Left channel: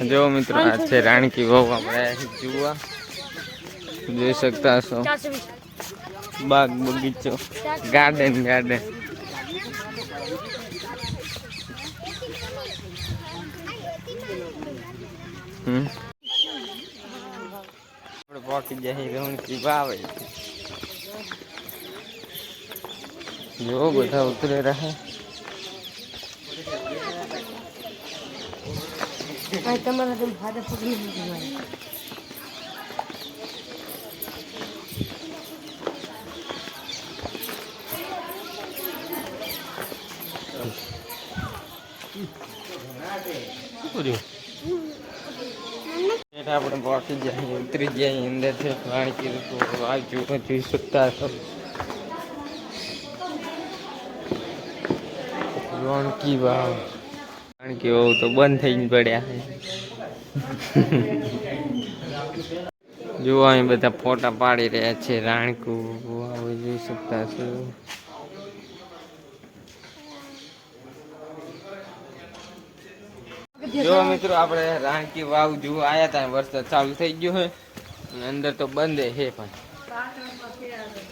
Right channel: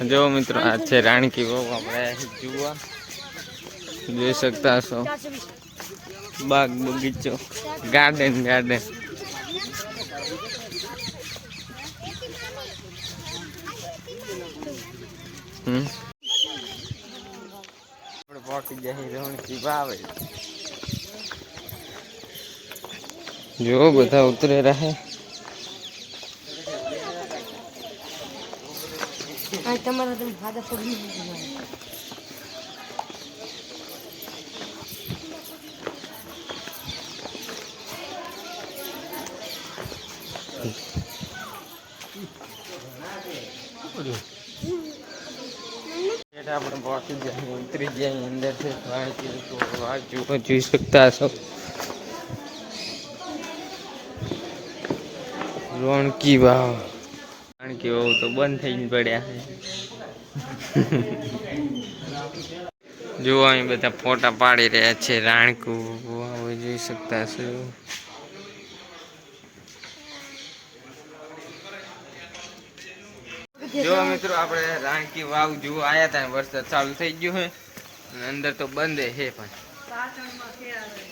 જો મિત્રો આ છે રાણકી વાવ આપણે જોવા જોઈ શકતા હશો બાગ બગીચો ગાર્ડન ગાર્ડન આપણે પહોંચી જાય રાણકી વાવ જો બધા ઉતરે રહે તમારા તો ફાદા પગલી આપણે પહોંચી જાય ઉતરી જાય અંદર છે રાણકી વાવ જોઈ શકતા હશો રાણકી વાવ રાણકી વાવ તો બંધ થઈને પડ્યા છે જો અહીં બધા ફોટા પાડી રહ્યા છે રાણકી વાવ જોઈ શકતા હશો જો મિત્રો આપણે રાણકી વાવ જોવા આવ્યા હતા વરસાદ ચાલુ થઈ ગયો છે અંદર તો બંધ છે પણ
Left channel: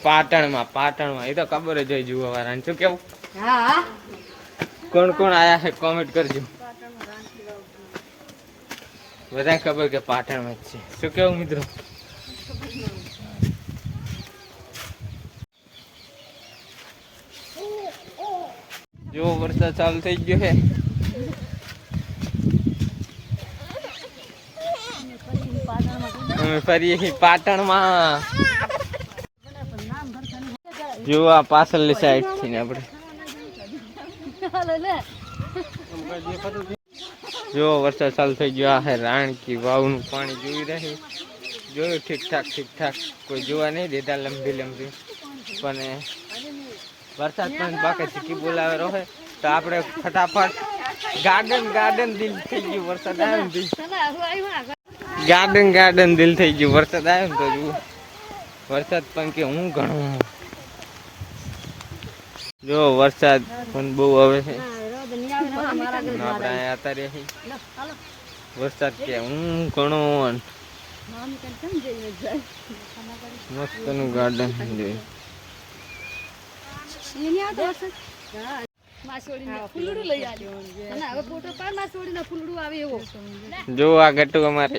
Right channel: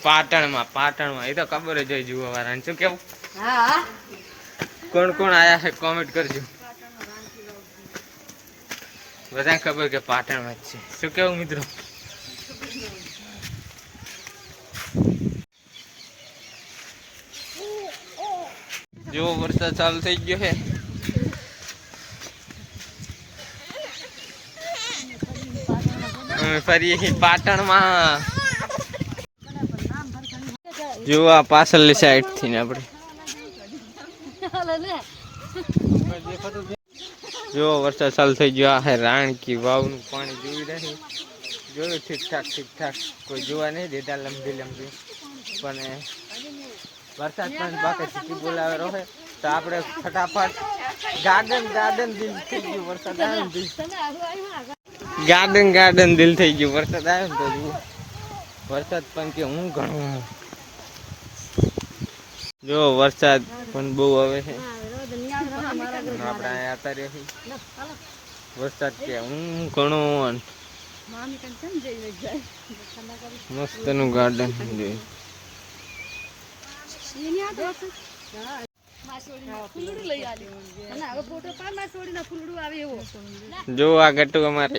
પાટણમાં એ તો ખબર જ હોય જોવા વાળાને શું કેવું કોણ કોણ આયા છે કોમેન્ટ કરજો બધા ખબર કે પાટણમાં જ છે શું કેવું મિત્રો જો વરસાદ ચાલુ થઈ ગયો છે અમે ફરીએ પાટણમાં જો આ પાછળની સાઈડ થી ને આપણે જો વરસાદ ચાલુ થઈ ગયો આ રાણકી વાવનું પાણી જોઈ રહી જોયું ઠીક ઠાક કોઈ જોવા નહીં દેતા લંબી પણ વરસાદ પણ બાકી ચીકી બોલાવે રહે તો આપણે ફટાફટ ગાર્ડન દિલ થઈ ગયું વરસાદ આવ્યો ને ગાર્ડન દિલ થઈ ગયું વરસાદ આવ્યો ને તો જુઓ વરસાદ પણ કે હું ઘણું જો વરસાદ પણ બહુ આવે છે આપણે અહીંયા હતા રહે વરસાદ કે હું ઘણો મસ્ત નું ગાર્ડન જોયું જો આ ગટ્ટુ અમારે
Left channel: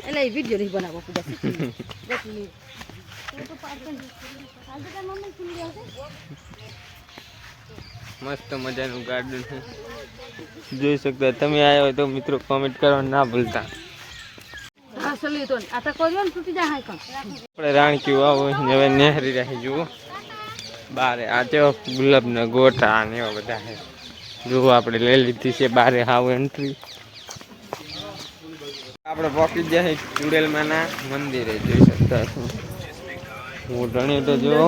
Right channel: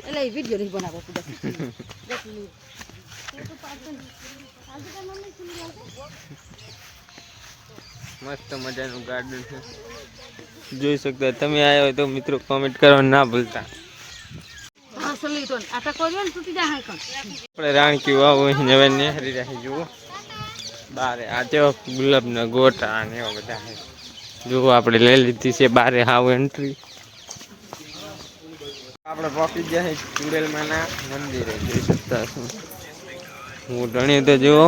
મસ્ત મજાનું ગાર્ડન છે જોઈ શકતા તમે આવ્યા હોય તો મિત્રો કોમેન્ટ કરવાનું ના ભૂલતા આપણે રાણકી વાવ હવે નેહરી રહી જુઓ બારે આ તો ગુલાબ ના ગોટા ને એવા બધા છે જો આપણે લઈ લીધી છે બારે હાવ એન્ટ્રી આપણે પહોંચી જાય ચુડેલમાં ના મંદિરે જોઈ શકતા છો હું ધણી તો જુઓ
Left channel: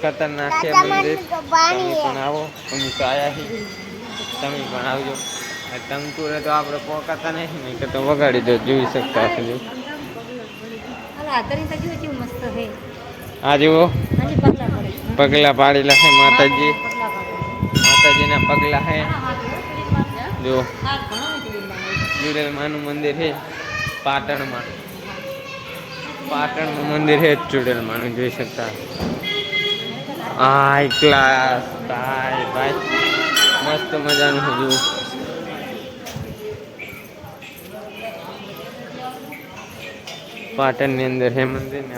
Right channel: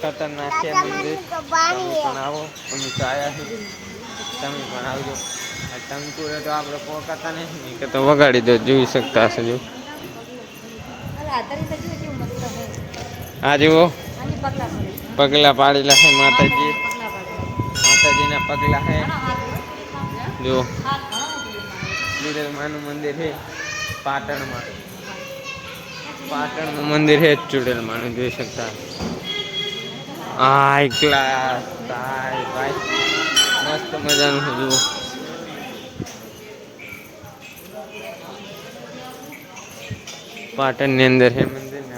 ખતરનાક છે મંદિર તમે પણ આવો અમે તો આવ્યા છીએ તમે પણ આવજો ટંકુરે તો આપણે પોકાતા નહીં કે તો વગાડી દો જોઈ શકતા હશે જો આ જુઓ પગલા પાડેલા છે માતાજીના પગલા છે જો ચુડેલમાનું મંદિર છે પાટણનું મંદિર છે ચુડેલમાનું જોઈ શકતા ભાઈ મસ્ત મજાનું છે જુઓ પાટણ ની અંદર છે મંદિર ને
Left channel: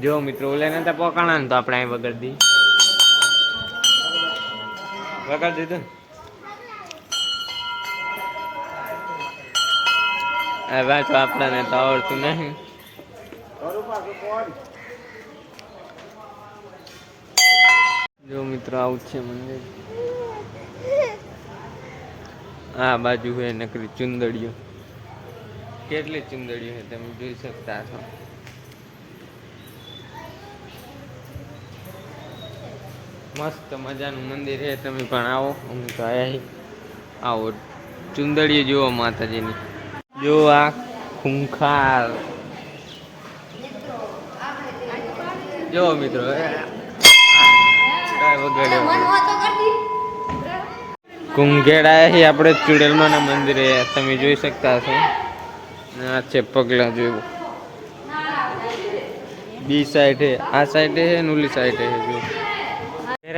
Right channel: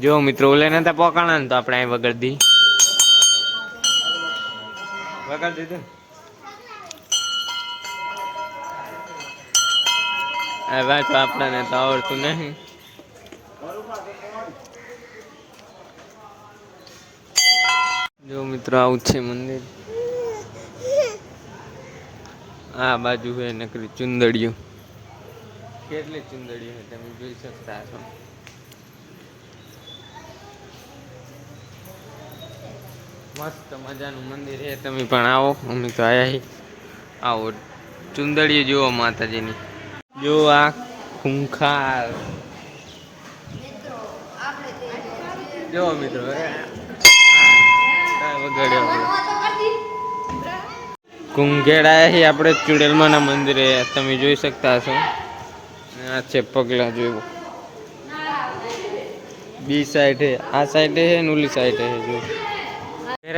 જો મિત્રો ઓલે નતા પોકાણા ને તો આપણે અહીં વગાડી દીધું હવે તો આપણને તો આવડતું નહીં જો મિત્રો આવું છે મંદિર આ બાજુ છે નકરી ચુંદડીઓ કેટલી ચુંદડીઓ છે તમે જોઈ શકતા છો મસ્ત મજાનું મંદિર છે તમે પણ આવો અમે તો આયા આવો ચુંદડીઓ જુઓ માતાજીની જો આ ખૂંખાર જો મિત્રો વગાડ્યો કુંઘેડા અહીં આપણે ચુડેલમાના મંદિરે તમે જોઈ શકતા હશો. આ છે પગલા જેવું. બી સાઈડ હે, આ સાઈડ હે ને ઓલી સાઈડ હે. જો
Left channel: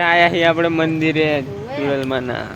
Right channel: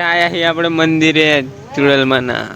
આયા અહીં આપણે મંદિરે ચુડેલમાના.